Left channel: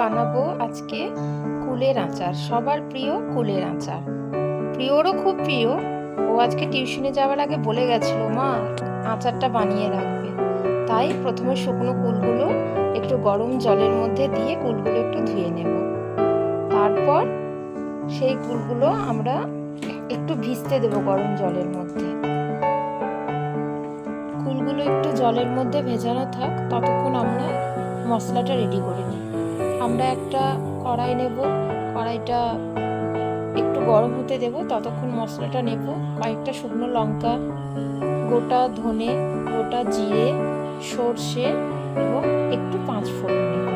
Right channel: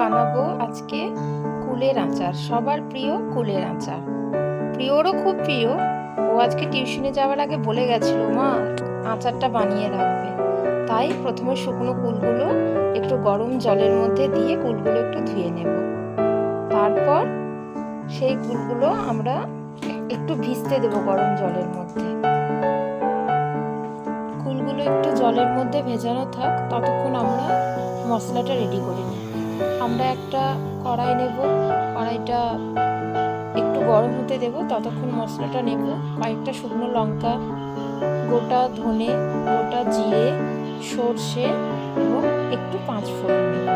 বানাবো আজকে কুলের আচার। সবার প্রিয় কুলের আচার, প্রিয়রও খুব প্রিয়। ও আজকে টিউশনে যাওয়ার আগে বলে গেছিল, মা আচারটা বানিয়ে রাখবে। তাই প্রথমে শুকনো কুলগুলো একটু গরম জলের মধ্যে দিয়ে কুলগুলো একটু ধুয়ে নেব। তারপর সেই কুলগুলো আমরা একটু ভিজতে দেব গরম জলের মধ্যে। কুলগুলো একটু জলের মধ্যে ভেজানো থাক, ততক্ষণ আমরা মশলাটা রেডি করে নিই। আমরা একটা কড়াই নেব, কড়াইটা একটু গরম হতে দেব, ততক্ষণ মশলাটা নেব। কয়েকটা শুকনো লঙ্কা, গোটা ধনে, গোটা জিরে, সর্ষে এবং একটু পাঁচ ফোড়ন নেব।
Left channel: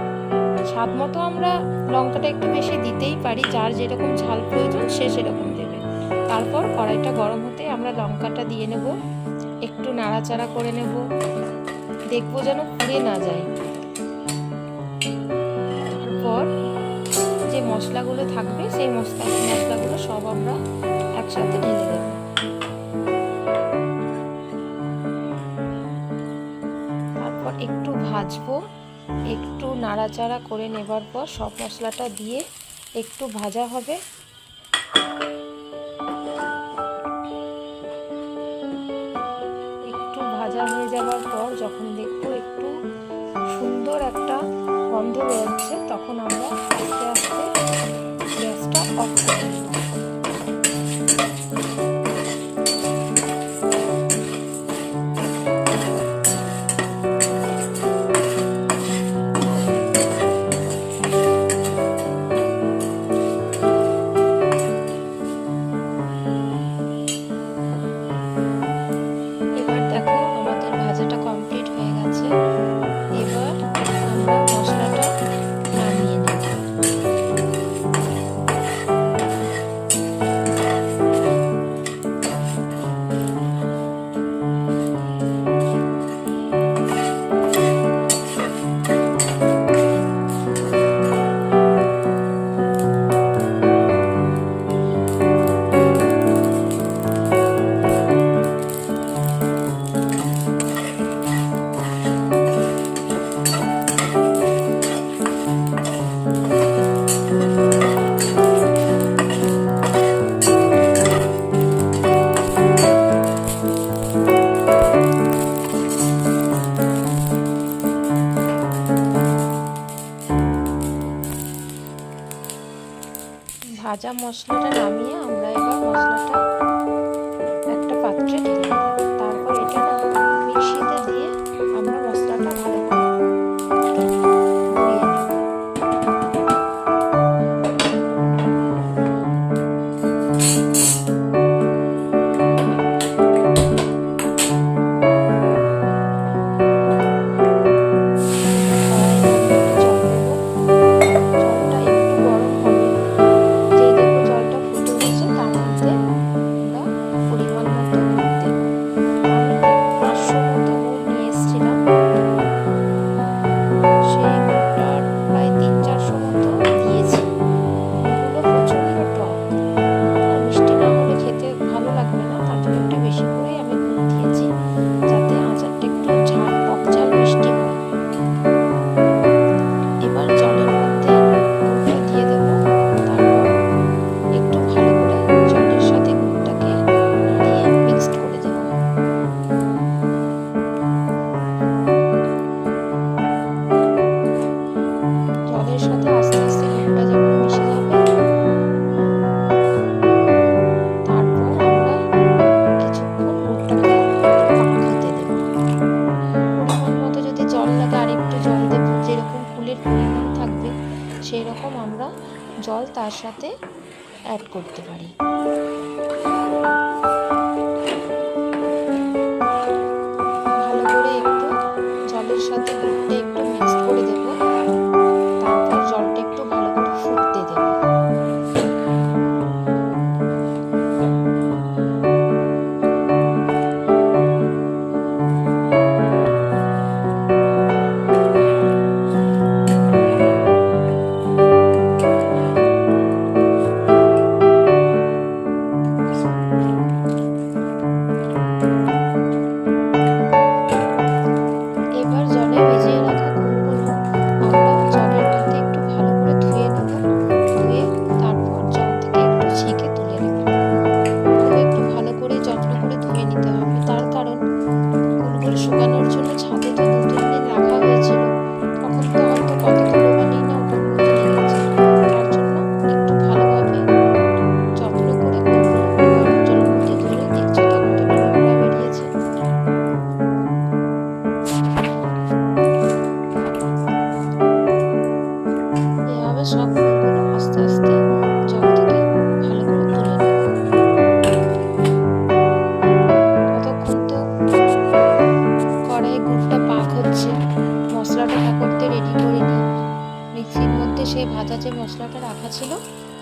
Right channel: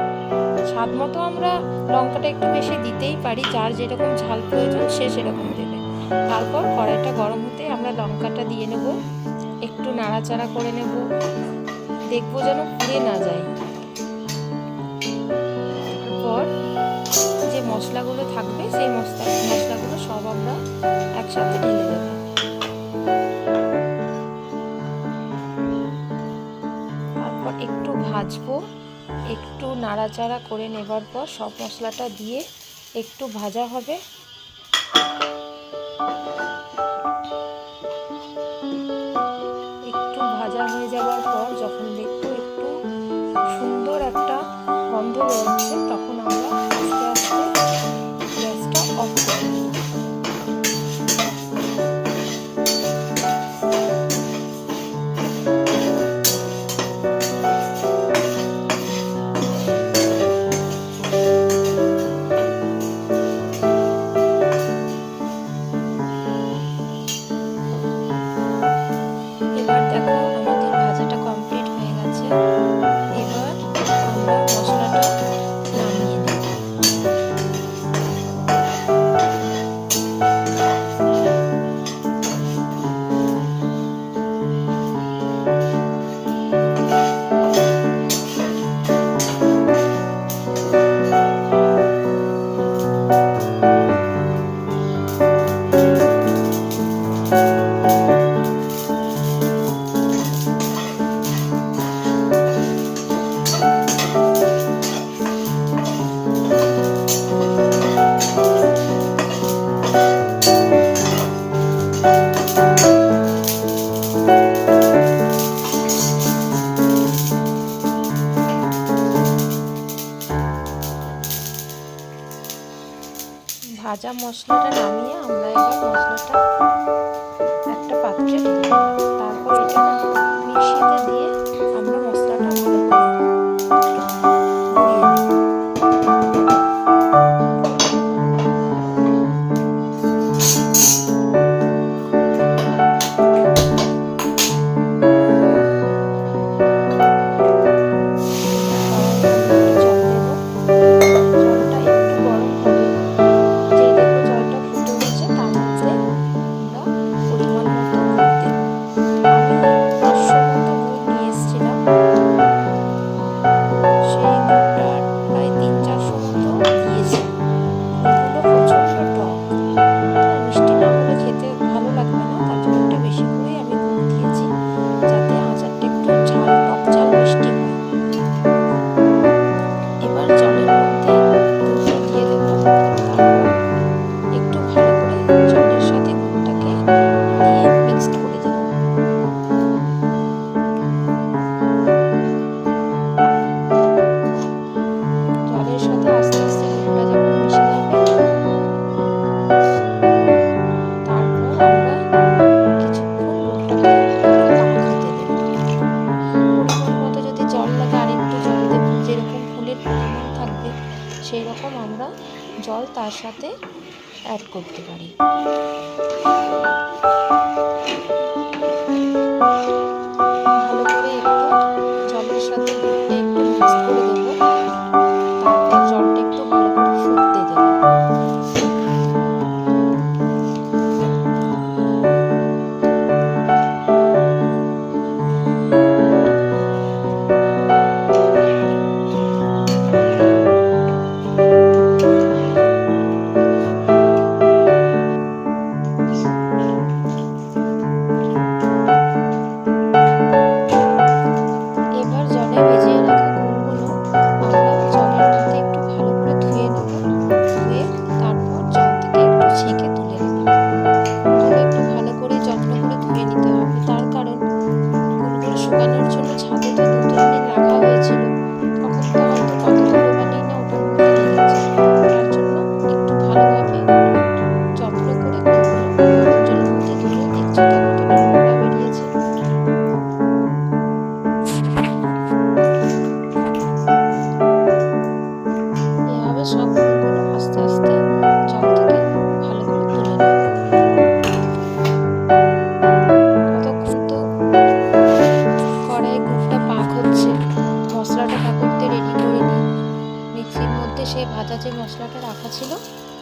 স্বাদ মতো আমরা লঙ্কাটা একটু বেশি দিতেই পারি, যার যেরকম ঝাল প্রয়োজন সে সেরকম দেবে। তারপর কড়াইটা গরম হতে আমরা লঙ্কাটা দিয়ে নেব, একটু নাড়াচাড়া করে নেব, দেখবো যেন পুড়ে না যায়। তারপর যে মশলাগুলো থাকবে সেই মশলাগুলো সব আমরা একসাথে ঢেলে দেব। তারপর একটু ভাজবো, একটু নাড়াচাড়া করে নেবার পর সব মশলাটা দিয়ে একটু ভাজা হবে। একটু ভাজা হয়ে যাবার পর যখন দেখবো একটু সুন্দর একটা গন্ধ বেরোচ্ছে, তখন আমরা আস্তে আস্তে গ্যাসটা অফ করে দেব। এবার দেখো আমাদের ভাজাটা কমপ্লিট হয়ে গেছে। এবার আমরা মশলাটা নামিয়ে নেব। ভাজা মশলাটা নামিয়ে আমরা এবার মশলাটা একটা পাত্রে ঢেলে দিলাম। তারপর এটা মিক্সিতে দিয়ে আমরা মশলাটা ভালো করে গুঁড়িয়ে নেব। সেই রকম আমরা জল তার সাথে অ্যাড করতে পারি। ভালো করে একটু জলের সাথে গুড়টা একটু মিক্স করে দেব। তারপর জলটা একটু ভালো করে ফুটতে দেব।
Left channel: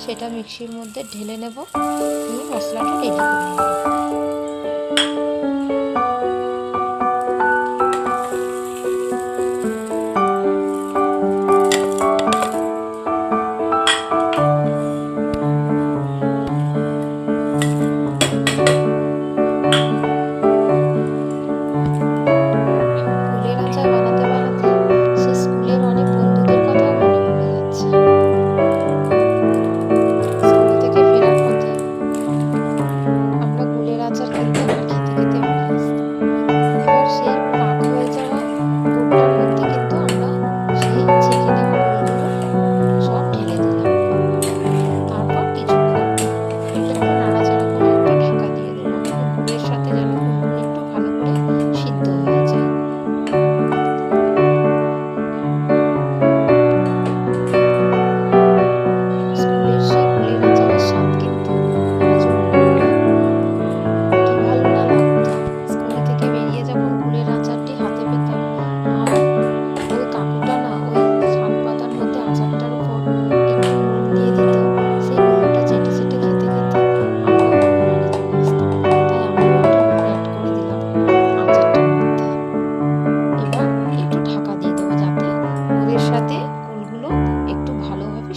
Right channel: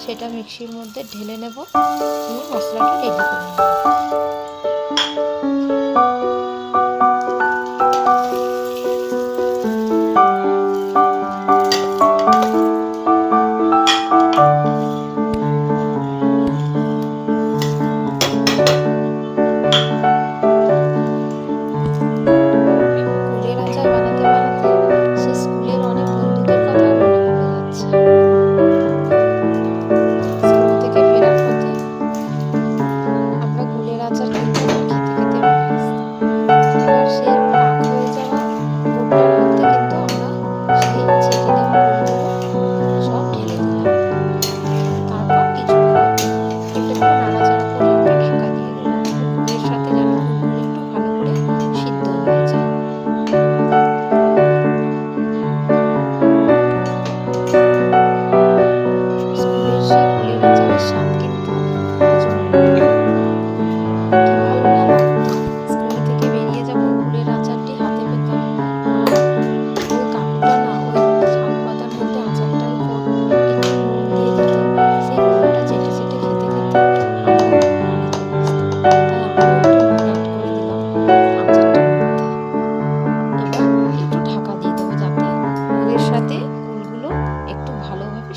সেটা মিক্সির মধ্যে ঢেলে নেব, নিয়ে মশলাটা রেডি করে নেব।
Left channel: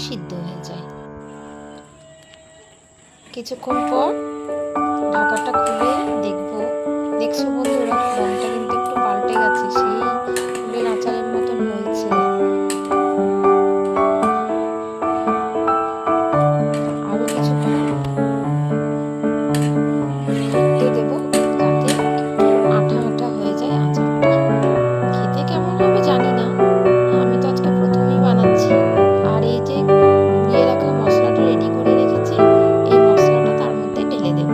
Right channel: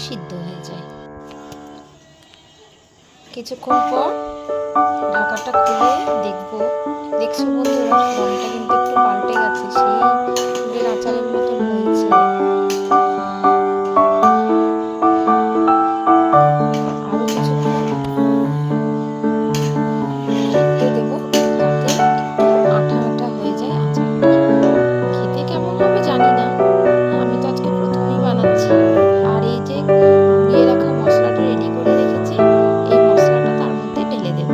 সিদ্ধ হয়ে যায়। কিছুক্ষণ পর ঢাকাটা খুলে দেখছো বন্ধুরা, রংটা কিন্তু একটু পাল্টে গেছে, সেই ফুলের আচারের মতন হয়েছে। আরো কিছুক্ষণ ফুটতে দেব, যাতে একটু আঠা আঠা হয়ে যায় আচারটা। খেতে কেমন হবে জানি না, আমি তো আজকে প্রথমেই বানাচ্ছি। আর এই যে গুঁড়িয়ে রাখা মশলাটা রেডি করে রেখেছি, এই মশলাটা তার মধ্যে ঢেলে দেব।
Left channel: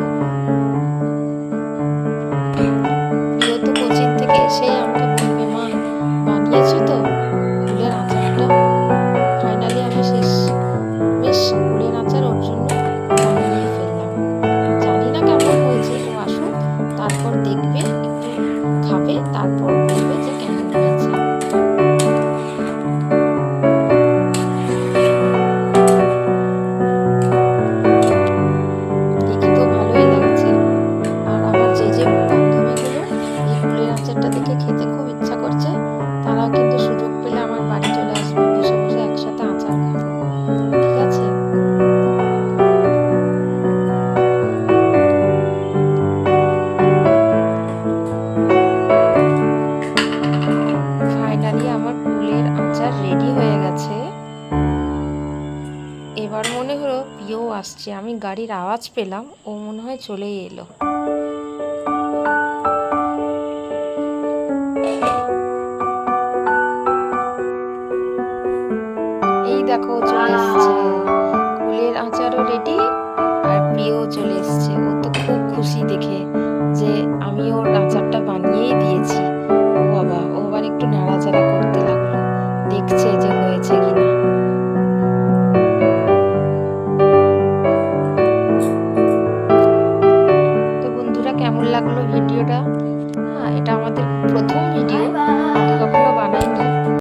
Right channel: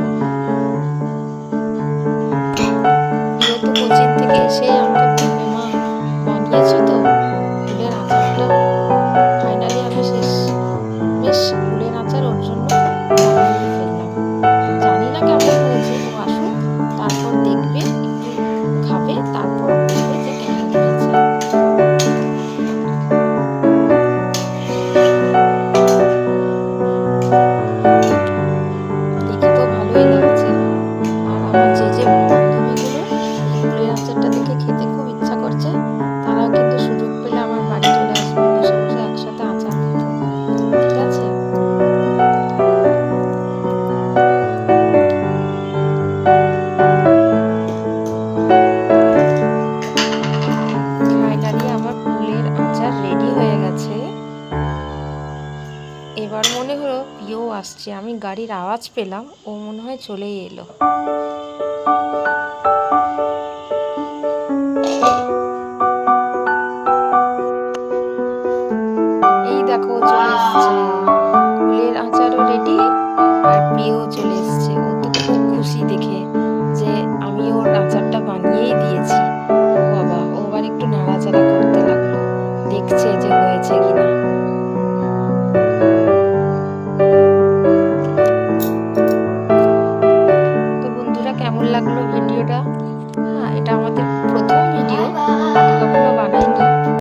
প্রিয় তো কোচিং থেকে এসেই আমাকে বলবে, মা বানিয়েছো তো ফুলের আচারটা? ফাইনালি আমি বেশ ফুলের আচার ওর জন্য বানিয়ে ফেললাম। জানি না কেমন হয়েছে, ও আসুক, তারপর দেখবে, একটু খাবে, তারপর বলবে যে কেমন হয়েছে। দেখি তো ভালোই লাগছে। আর আমার যে বান্ধবীগুলো এই ফুলের আচারটা দেখে খেতে খুব ইচ্ছা করছে, তারাও কিন্তু সুযোগ পেলে আমার বাড়ি চলে আসবে, বসে বসে একসাথে আচার খাবো। ঠিক আছে? ফাইনালি আমার ফুলের আচার রেডি হয়ে গেছে। এবার মনে হলো প্রিয় আসছে, আমি গাড়ির আওয়াজ পেলাম, ও মনে হয় চলেই এলো। এই দেখো চলে এসছে, ফুলের আচারও রেডি, আর প্রিয়ও চলে এসছে। ও তো খুব খুশি দেখে যে আমি ওর আচারটা বানিয়েই দিয়েছি। ও বাবা, ও আবার একটু নাড়াচাড়া করতে লাগলো, দেখছে যে হয়েছে কিনা। তো বন্ধুরা, কেমন লাগলো ভিডিওটা? হ্যাঁ, এটা আমাদের প্রথম ভিডিও